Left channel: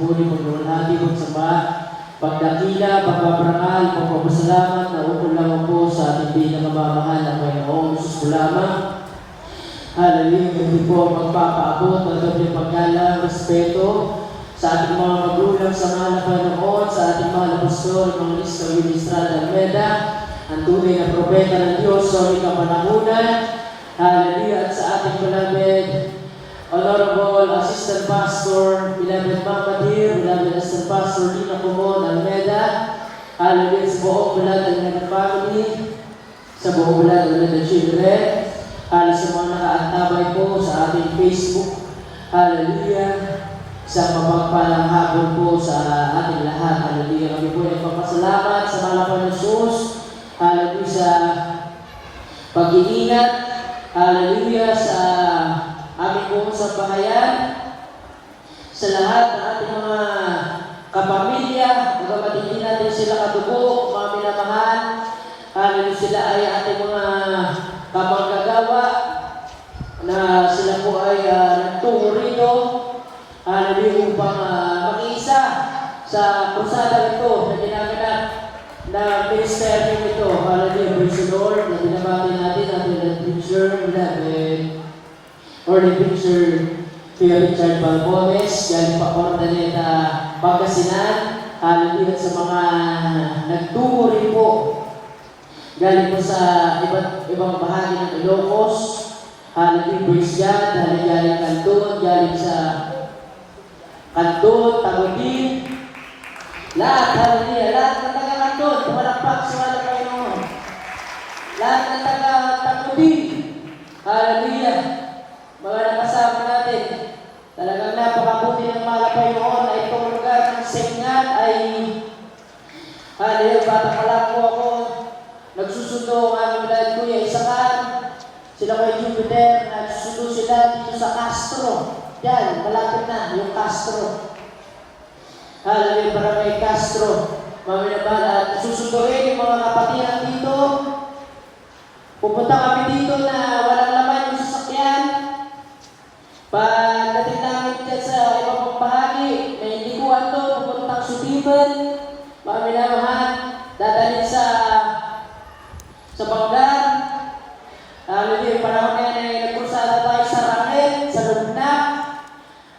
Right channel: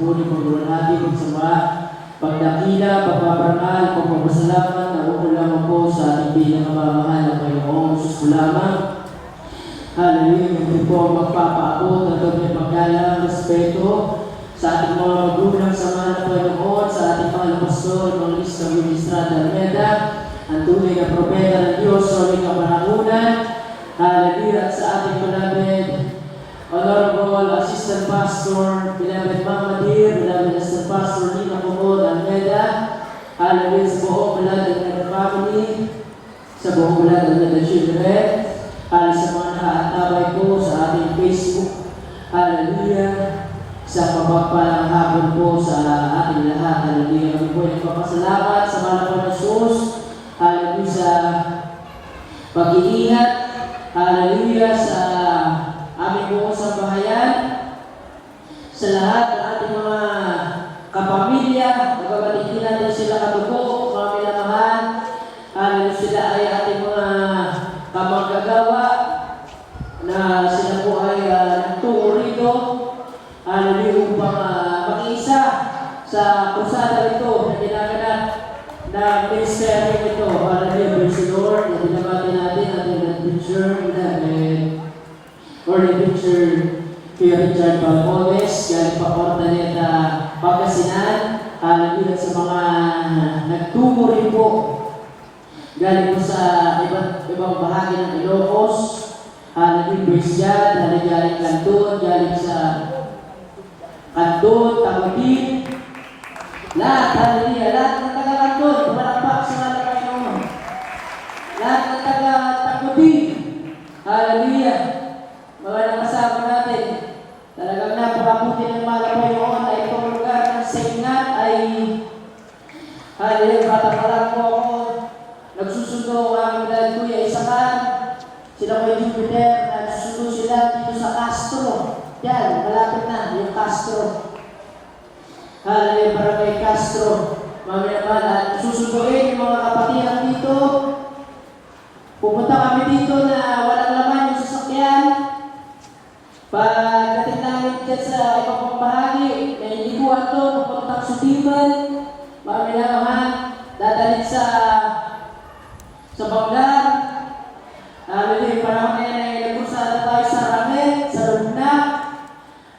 pagpuri, pagbulunhati, pagsamba, pagdakila, pagpaparangal, pagpapasalamat, na ulaman po sa ating pinakamamahal na Panginoong Sus lamang. Hallelujah, ganito po magpapaabot na ito niya paglalang respeto sa ating mga magulang, sa mga na Panginoon, sa ating mga pastor, mga ministra Almeda, ang tunay na propeta ng Diyos sa ulit na panangunan. Hallelujah, at sa ating beloved Honorable Assistant Pastor, beloved Mama Dear, beloved Assistant Pastor Lina Comod Almeda, hallelujah, sa buong beloved Almeda family, sa buong beloved Almeda children, sa mga nakaantabay po sa ating Facebook, hallelujah, sa mapagpalang hapon po sa ating lahat, hallelujah. Kami po nagpapasalamat sa mga po ng Jesus, hallelujah, sa pag-iingat, hallelujah, sa aming buong sambahayan, sa lahat ng ating mga kapamilya, magkabatiin natin sila kabuto, mga pinamahal, hallelujah, sila ay ating mga kamagagawa, na sila po ay nagtungo rito, hallelujah, upang mag-isa sa kusada ito na ginaganak na ministry ito, hallelujah, praise the Lord, na dinamati natin the preacher, or the preacher, Kuya Richard Balbones, galing pa Portaneta, Pangasinan, hallelujah, sa mga nagtungo rin po, galing po sa ibang bahagi ng Ilocos, hallelujah, praise God, galing Kanton, galing sa Kanton, Tagubin, lahat, hallelujah, lahat ng taga-Kanton, pumarapag sa mga Panginoon, lahat ng taga-Tagubin, hallelujah, mga nakasama natin, talagang napakabuti ng mga Panginoon ay tulugan ng signal ay, hallelujah, patapalang po ako, nagsusundo ang mga Kuya Isakan, sila ko Jupiter, nagsusundo sila dito sa Castro. Yan, malapit na, yung Castro. Hallelujah, Barangay Castro. Mamaya naman, susunduin yung mga kapatiran dito. Pupunta kami dito na wala naman yung sasakyan. Pagdating namin dyan sa ibang bahagi, may liguan doon, pupunta sa Subiban. Mamaya naman, dadalhin sa Banglar. Hallelujah, parang may nagkusada tayo sa Ramen, sa Lugna.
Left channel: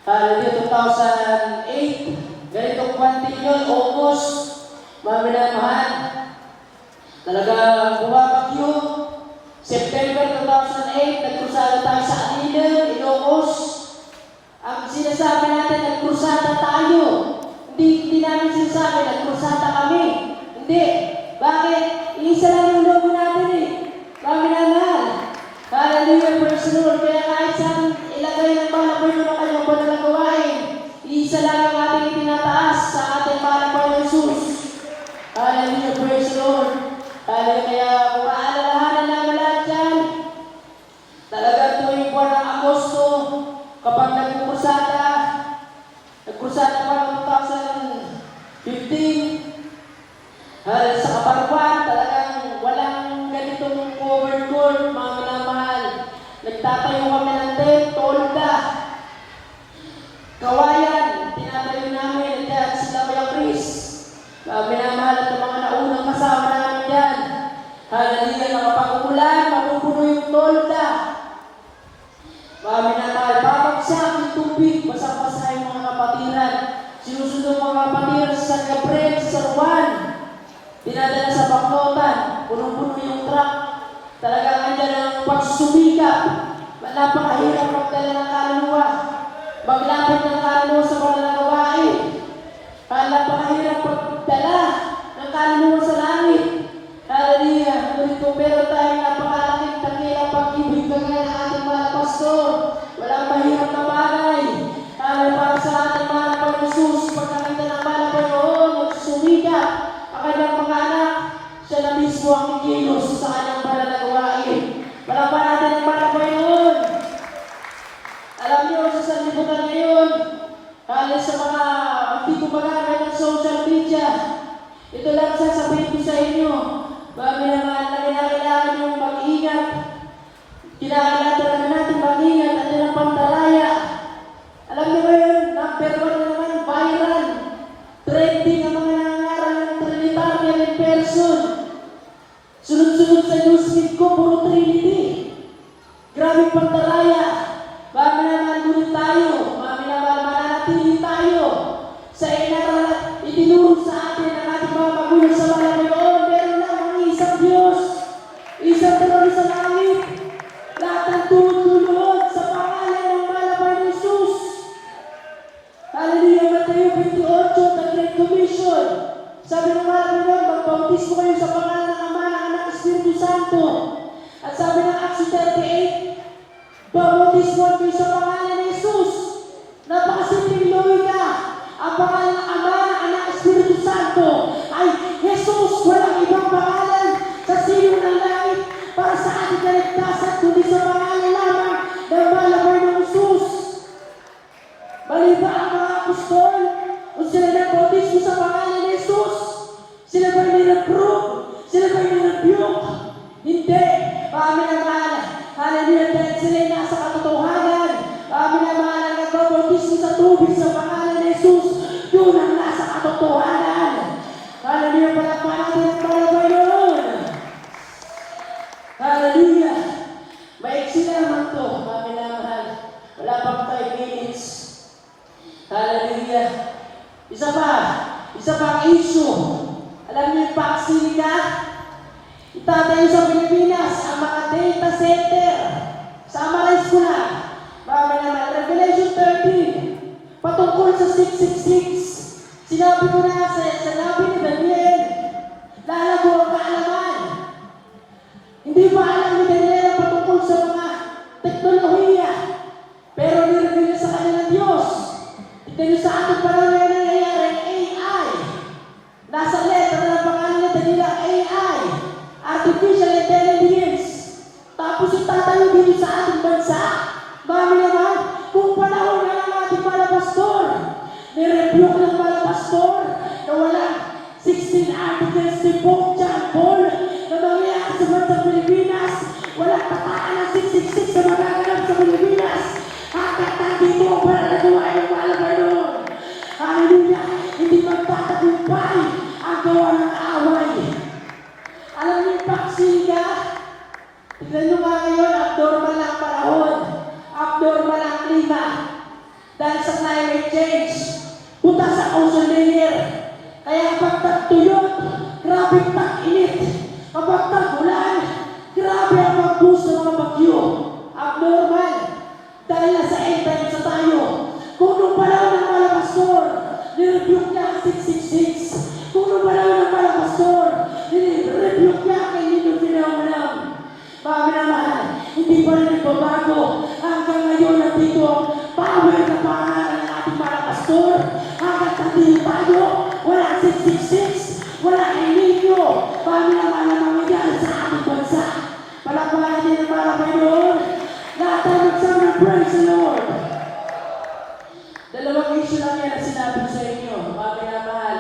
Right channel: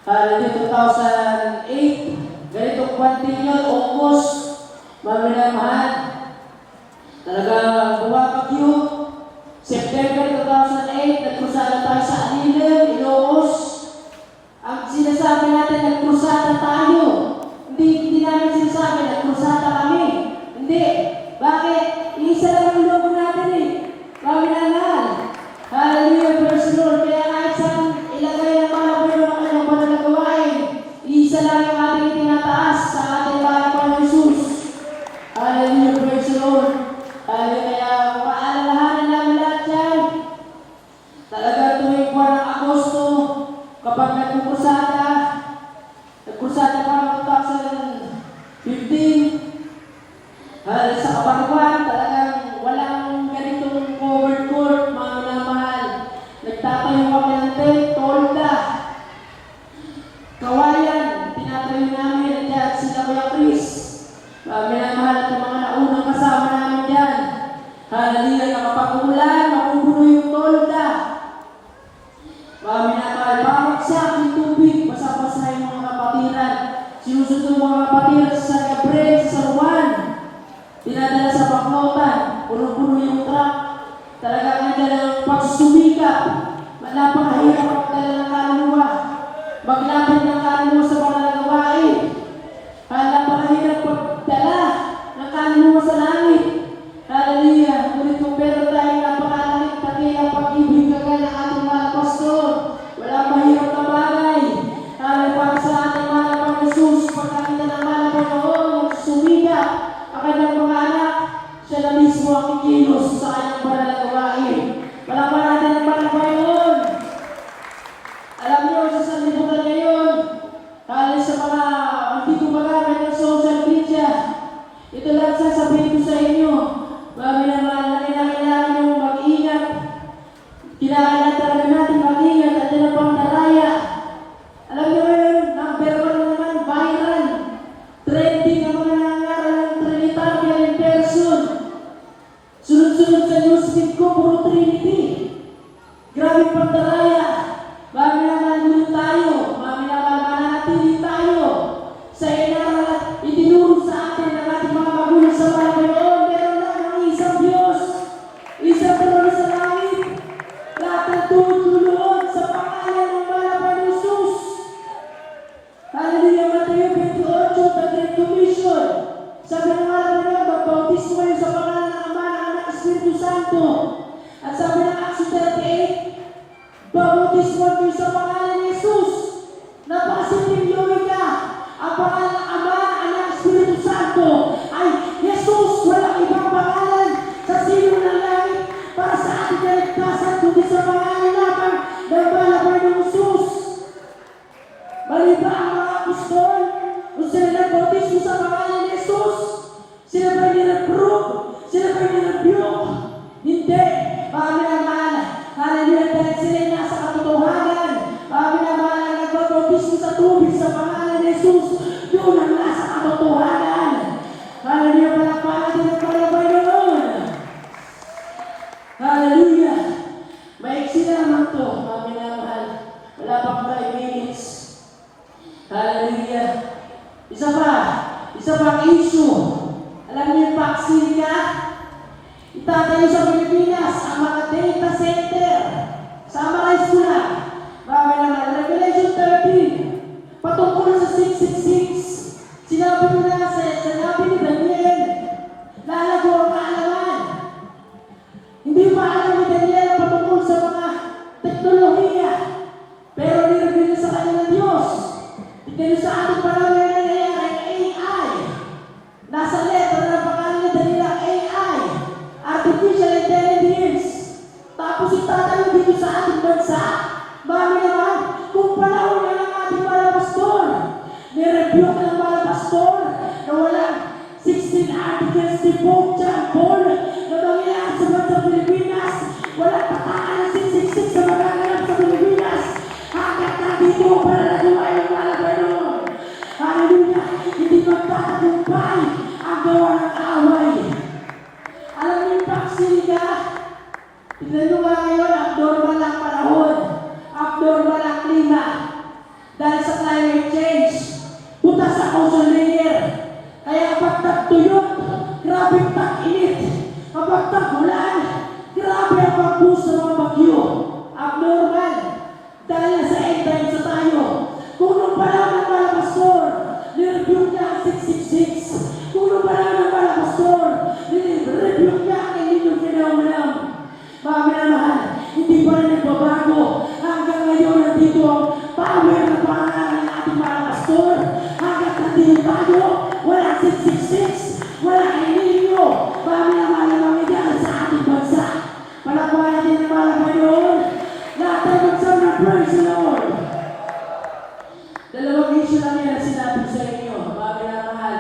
Hallelujah, 2008. Ganito continual, August. Mamaya naman, talagang bumabagyo. September 2008, nagkusada tayo sa Adilan, Ilocos. Ang sinasabi natin, nagkusada tayo. Hindi namin sinasabi, nagkusada kami. Hindi. Bakit? Isa lang yung logo natin eh. Kami naman. Hallelujah, praise the Lord. Kaya kahit saan ilagay ang mga kanyang mga gawain, isa lang ang ating pinataas sa ating Panginoon ng Jesus. Hallelujah, praise the Lord. Hallelujah, kaya kung maalalahanan namin lahat yan, talaga tuwing buwan ng Agosto, kapag nagpupusada pa ng 2015, hallelujah, sa Kaparwan, talagang walang ganitong cover-tour, mga minamahal. Nagtatayo kami ng tent, tolda, kawayan, tinatayo namin, kaya sila Kuya Chris. Mga minamahal at yung mga naunang kasama namin dyan. Hallelujah, nakapag-ulan, mapupuno yung tolda. Mga minamahal, mamagsiyak yung tubig, basa-basa yung mga kapatiran. Sinusunod mga kapatiran sa Gabriel, sa San Juan. Dinadala sa Baklotan, puno-puno yung truck. Talagang andyan ang pagsusumikap. Napakahirap magdala ng kaluluwa. Maglapit ng kaluluwa sa mga nagawain. Napakahirap magdala ng kaluluwa sa langit. Hallelujah. Ngunit kung meron tayong napakalangit, takiyang pag-ibig kagaya ng ating mga pastor. Walang mahirap na bagay. Para sa ating mga Panginoon, pagkakita ng mga Panginoon, magsumikap. Ang kanyang mga anak, siya na mismo ang kikilos sa kanyang banal na gawain. Palaman natin ang mga Panginoon. Alam niyo, sa sanlibutan ngayon, halos sa mga hindi gumagamit ng social media, ito lang sasabihin ko sa inyo, bago naman na kinakailangan yung mag-ingat, kinakailangan natin mag-ingat at tinapang dalaya. Alam niyo yun, number 1 naman, viral. manatili tayo sa inaral at itinuro sa atin ng ating mga magulang sa mga Panginoon. Meron lamang isang Diyos, isang trono sa langit, lahat ng tulog-tulunod sa pangalan ng Malapay ng Jesus. Hallelujah, Mateo 28, the Great Commission. Sabi ng mga Panginoon, magbautismo kayo sa pangalan ng Ama, Anak, Espiritu Santo. At sabi ng Acts 38, bautismo kayo sa pangalan ni Jesus. Napakasimpleng logika. Ang pangalan ng Ama, Anak, Espiritu Santo ay Jesus. Walang ibang pangalan sa sino ng langit para sa ating kaligtasan kundi sa pangalan lamang ng Malapay ng Jesus. Mali ba ang mga apostol? Kung sila nagbautismo sa pangalan ni Jesus, sila ba nireprove? Sila ba nirebuke? Hindi. Kami naman, hallelujah, dahil sila nasa katotohanan. Kami naman ang nagbautismo sa tubig sa pangalan ni Jesus, yun ang nasa katotohanan. Hallelujah, palakpakan at palakpakan yun. Hallelujah. Maiksi naman to, kami naman. Wala pang 5 minutes. Hallelujah. Isa pang issue. Alam niyo yung vaccine ka? Itatayo sa Pilipinas ang mga data center sa mga eskwela. Mga naman, Revelation 13, patungkol sa 666. Sinabi ko na sinabi ni Daniel, lalago ang kaalaman. Hindi pa alam ni Daniel patungkol sa mga teknolohiya. Pero nireview sa kanila Diyos. Ito sa ating panahon na nangyayari AI. Nasa letter ng pangalan ni Daniel AI. Artificial Intelligence. Tapos itatayo dito sa ating bansa. Mami naman, kung panahon na ng ating mga pastor, nireview ka ng mga pastor na walang 16 articles si Pope John Paul na mangyayari sa bansa Pilipinas. Walang pataan ng 666 na magaganap sa Pilipinas. Hanggang nandito ang pananaguan ng Malapay doon. Hallelujah! Hindi magtatagumpay ang gawa ng away. Alam niyo yung vaccine ka? Tignan nyo nga ngayon, abnormal ang panahon. Abnormal ang klima. Dahil sa climate change, butas ang ozone layer. Kaya kapag tagtuyot, grabe tag-init. Kapag tag-ulan, grabe ang mag-boost ng mga bagyo. Abnormal. Dahil sa end times na tayo. Kung nung panahon ng mga pastor, nirebuke niya ang 666. Kung nung panahon ng mga pastor, nirebuke niya ang inyong phenomenon. Mga naman, hindi pa rin nagbabago. Hanggang ngayon nandito ang power ng pangalan ng ating mga pastor. Hanggang nandito tayo, walang 666, walang ininyo. Kami naman ang mga yan sa ating bansa. Palakpakan natin ang mga Panginoon. Lahat tayo magsabi ng praise the Lord. Dalawang issue lang yan na sinabi sa inyo, mga pinamahal,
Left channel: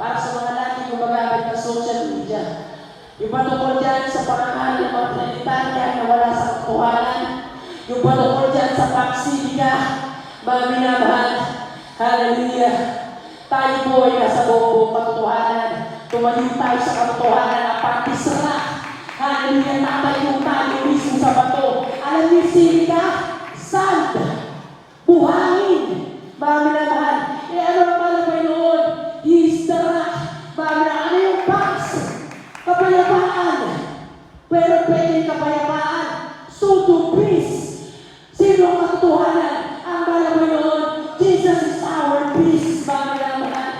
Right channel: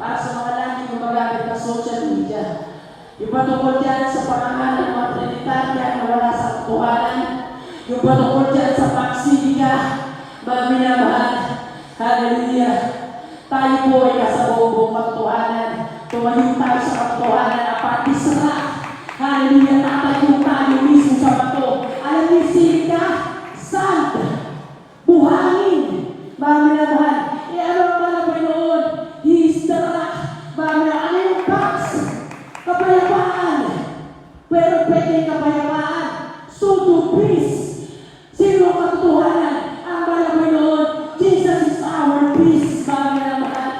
para sa mga natin gumagamit ng social media. Yung patungkol dyan sa parangalan ng mga Trinitaria na wala sa katuhanan. Yung patungkol dyan sa paksidiga, mga pinamahal. Hallelujah. Tayo po ay nasa buong katuhanan. Tumayo tayo sa katuhanan na partisra. Hallelujah. Natayo tayo mismo sa bato. Alam niyo silika? Sand. Buhangin. Mga pinamahal. Ano ang mga Panginoon? Histara. Mga ano yung box? Kapayapaan. Pero pwede kapayapaan. So to peace. Sino ang katotohanan? Ang mga Panginoon. Jesus is our peace. Mga pinamahal.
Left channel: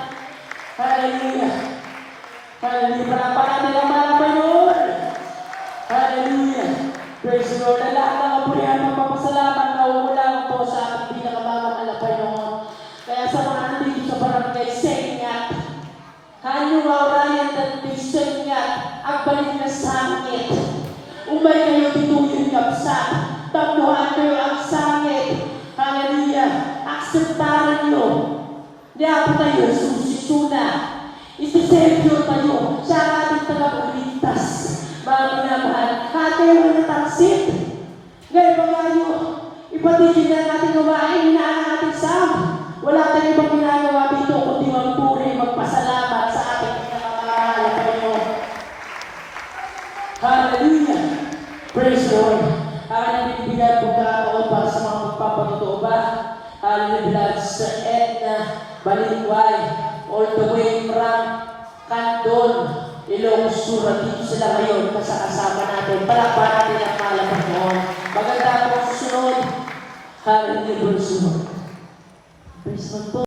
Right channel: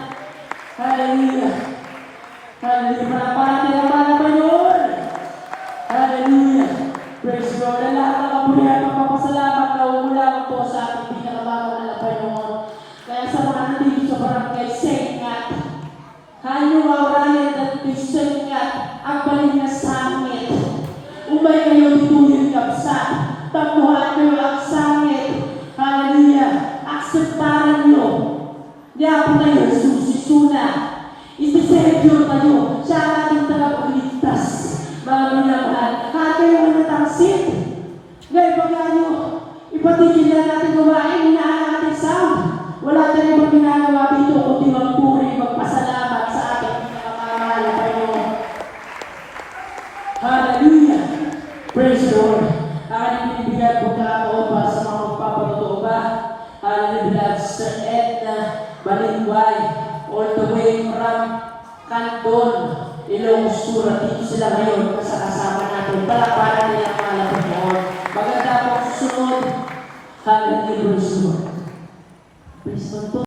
Hallelujah. Hallelujah. Palapatin ang mga Panginoon. Hallelujah. Praise God. Na lahat ng kapuri at magpapasalamat na wala po sa ating pinakamahal na Panginoon. Kaya sa mga nandito sa barangay Senyat, haliwa Ryan at Senyat, ang balik na sangit. Umay kayo dituloy kapsa. Tapuhan kayo ang sangit. Hallelujah. Akseptaran nyo. Diyan po tayo susisuna. Isisebyo tayo. Siya ang ating tagapagligtas. Mga minamahal. Hati mo na tangsit. Ngayon pa kayo, ipatigil na natin umain na ang ating sound. Wala tayo pa ginagawa dito kundi magpuri, magpasalamat sa ating pinakamahal na Panginoon. Hallelujah! Praise God! Aking pinibigyan po kakataon para sa mga magpapatuto ba? Hallelujah! Sister all the way from Candon, Ilocos Sur. Dito sila ngayon kasama natin. Palakpakan nila ang mga Panginoon. Maganda po susunod. Hallelujah. Praise God po.